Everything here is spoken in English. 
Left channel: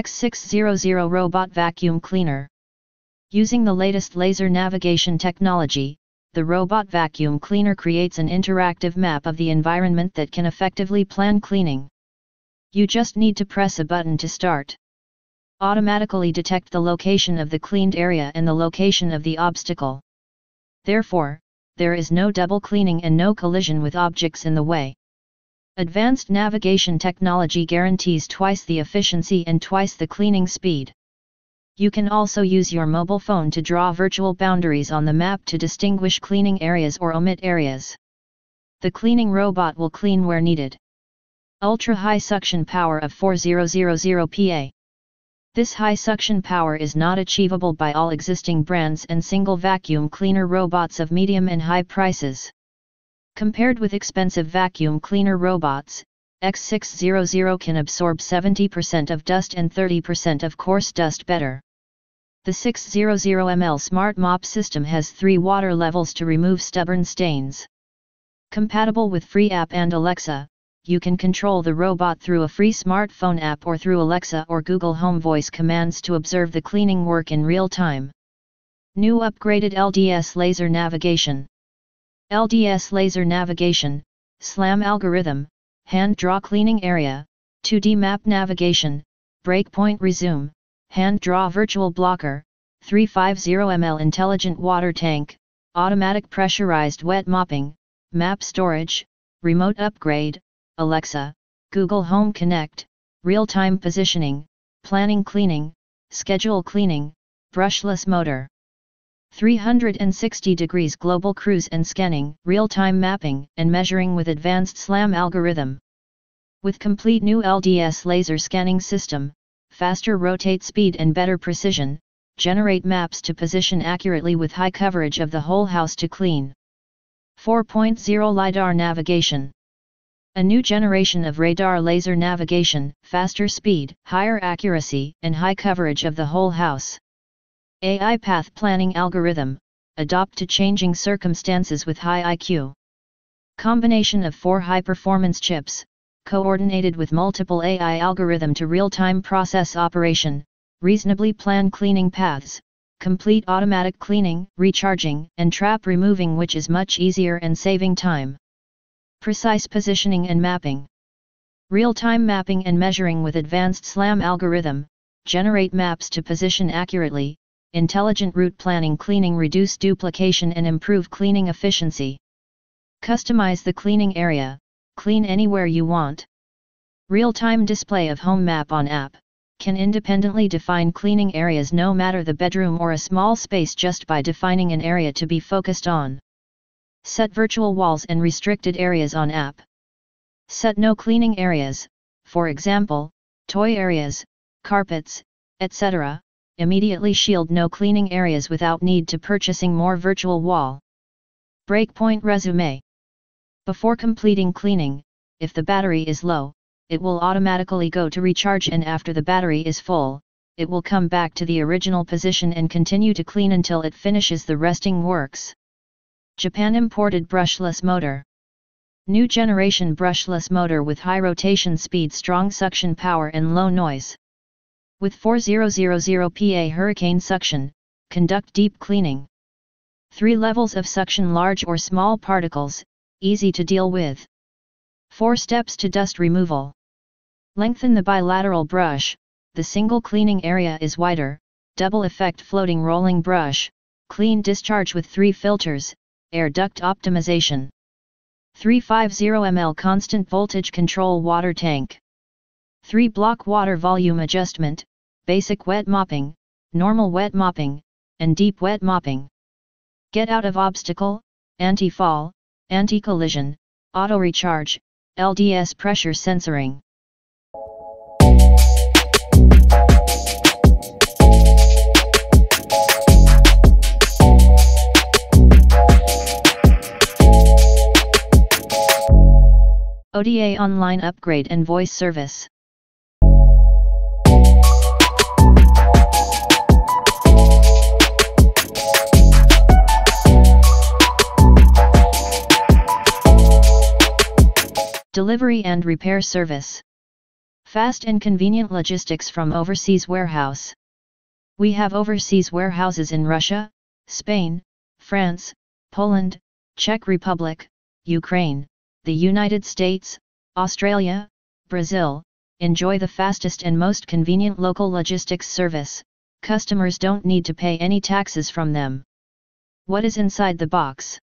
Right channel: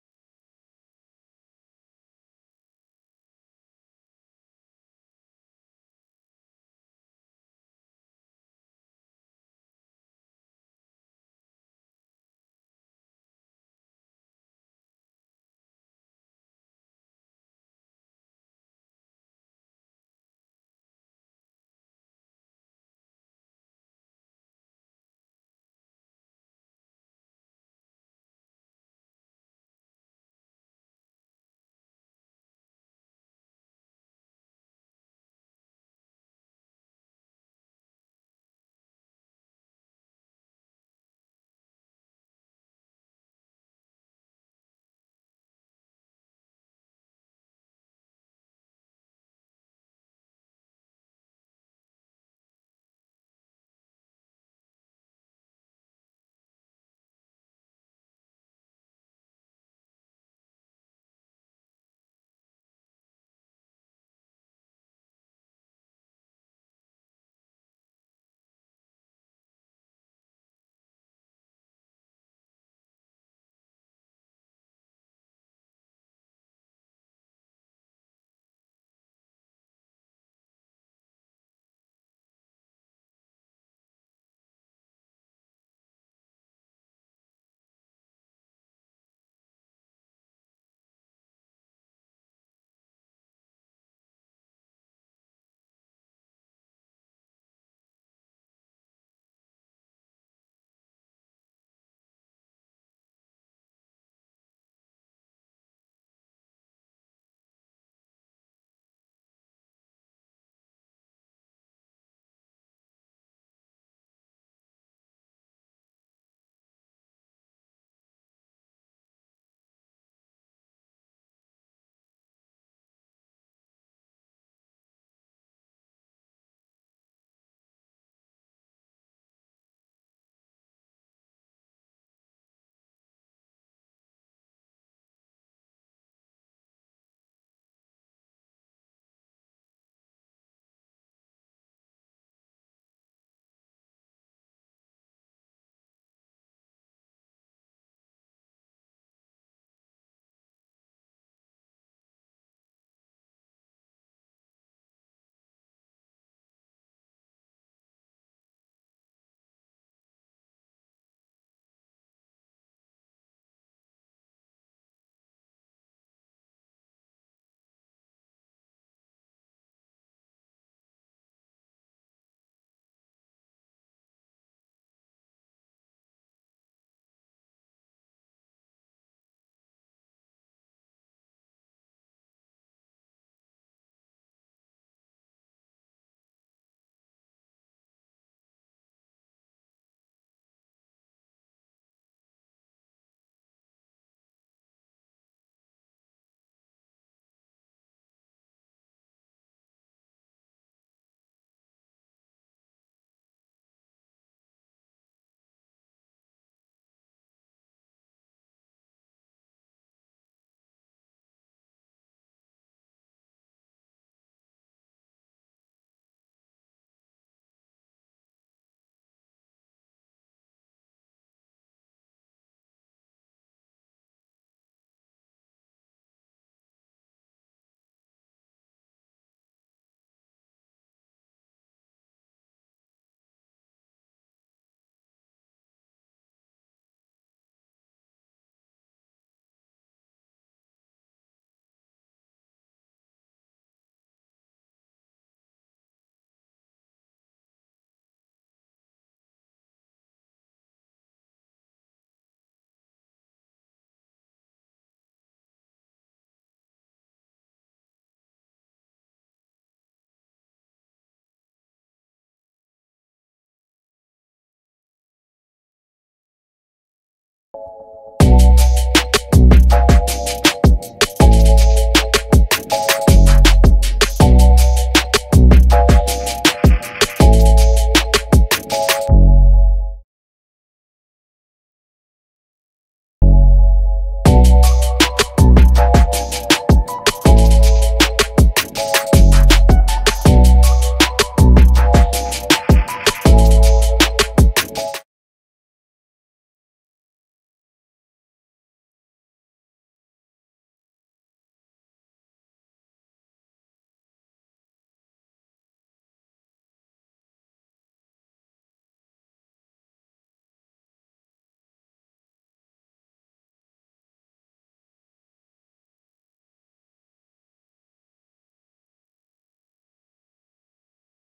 X600 Robot Vacuum Cleaner. Using the latest laser navigation technology, the robot vacuum cleaner creates an interactive map of the environment that can effectively plan cleaning. You just need to press a button to start. Automatically detect the location of the cleaned area and the location of the obstacle. Therefore, there is no double cleaning and no collision with objects in the way. Advanced navigation technology guarantees twice the efficiency and twice the cleaning speed. You can also use your mobile phone to draw virtual boundaries on the map to distinguish cleaning areas or omit areas. The cleaning robot will clean where needed. Ultra-high suction power of 4000 PA. This high suction power is not achievable by all existing brands and single vacuum cleaner robots of medium and high prices. Compared with expensive vacuum cleaner robots, X600 can absorb 70% of dust and 30% of coarse dust better. The 600 ml Smart Mop system has 3 water levels to remove stubborn stains. Compatible with free app and Alexa, you can control the robot through a free smartphone app or through Alexa or Google Home voice commands to observe the cleaning work in real time. New upgraded LDS Laser Navigation. LDS Laser Navigation, SLAM algorithm, hand draw cleaning area, 2D map navigation, breakpoint resume, hand draw virtual blocker, 350 ml intelligent water tank, automatic pressurized wet mopping, map storage, remote upgrade, Alexa, Google Home Connect, real-time positioning, planning cleaning, schedule cleaning, brushless motor. 360 degrees global cruise and scanning, real-time mapping and measuring with advanced SLAM algorithm. With complete new LDS laser scanning system, faster rotate speed and better precision, generate maps to position accurately with high coverage of the whole house to clean. 4.0 LiDAR navigation. A new generation of radar laser navigation, faster speed, higher accuracy, and high coverage of the whole house. AI path planning algorithm, adapt to changing circumstances with high IQ. Combination of 4 high-performance chips, coordinated with multiple AI algorithm to real-time process operation, reasonably plan cleaning paths, complete automatic cleaning, recharging, and trap removing, which is much easier and saving time. Precise positioning and mapping. Real-time mapping and measuring with advanced SLAM algorithm, generate maps to position accurately, intelligent route planning cleaning reduce duplication and improve cleaning efficiency. Customize the cleaning area, clean anywhere you want. Real-time display of home map on app, can independently define cleaning areas no matter the bedroom or a small space just by defining an area to be focused on. Set virtual walls and restricted areas on app. Set no cleaning areas, for example, toy areas, carpets, etc. Immediately shield no cleaning areas without need to purchasing more virtual wall. Breakpoint resume. Before completing cleaning, if the battery is low, it will automatically go to recharge, and after the battery is full, it will come back to the original position and continue to clean until it finishes the resting works. Japan imported brushless motor. New generation brushless motor with high rotation speed, strong suction power and low noise. With 4000 PA hurricane suction, conduct deep cleaning. 3 levels of suction, large or small particles, easy to deal with. 4 steps to dust removal. Lengthen the bilateral brush, the single cleaning area is wider, double effect floating rolling brush, clean discharge with 3 filters, air duct optimization. 350 ml constant voltage control water tank. 3 block water volume adjustment, basic wet mopping, normal wet mopping, and deep wet mopping. Get out of obstacle, anti-fall, anti-collision, auto recharge, LDS pressure sensoring. ODA online upgrade and voice service. Delivery and repair service. Fast and convenient logistics from overseas warehouse. We have overseas warehouses in Russia, Spain, France, Poland, Czech Republic, Ukraine, the United States, Australia, Brazil. Enjoy the fastest and most convenient local logistics service. Customers don't need to pay any taxes from them. What is inside the box?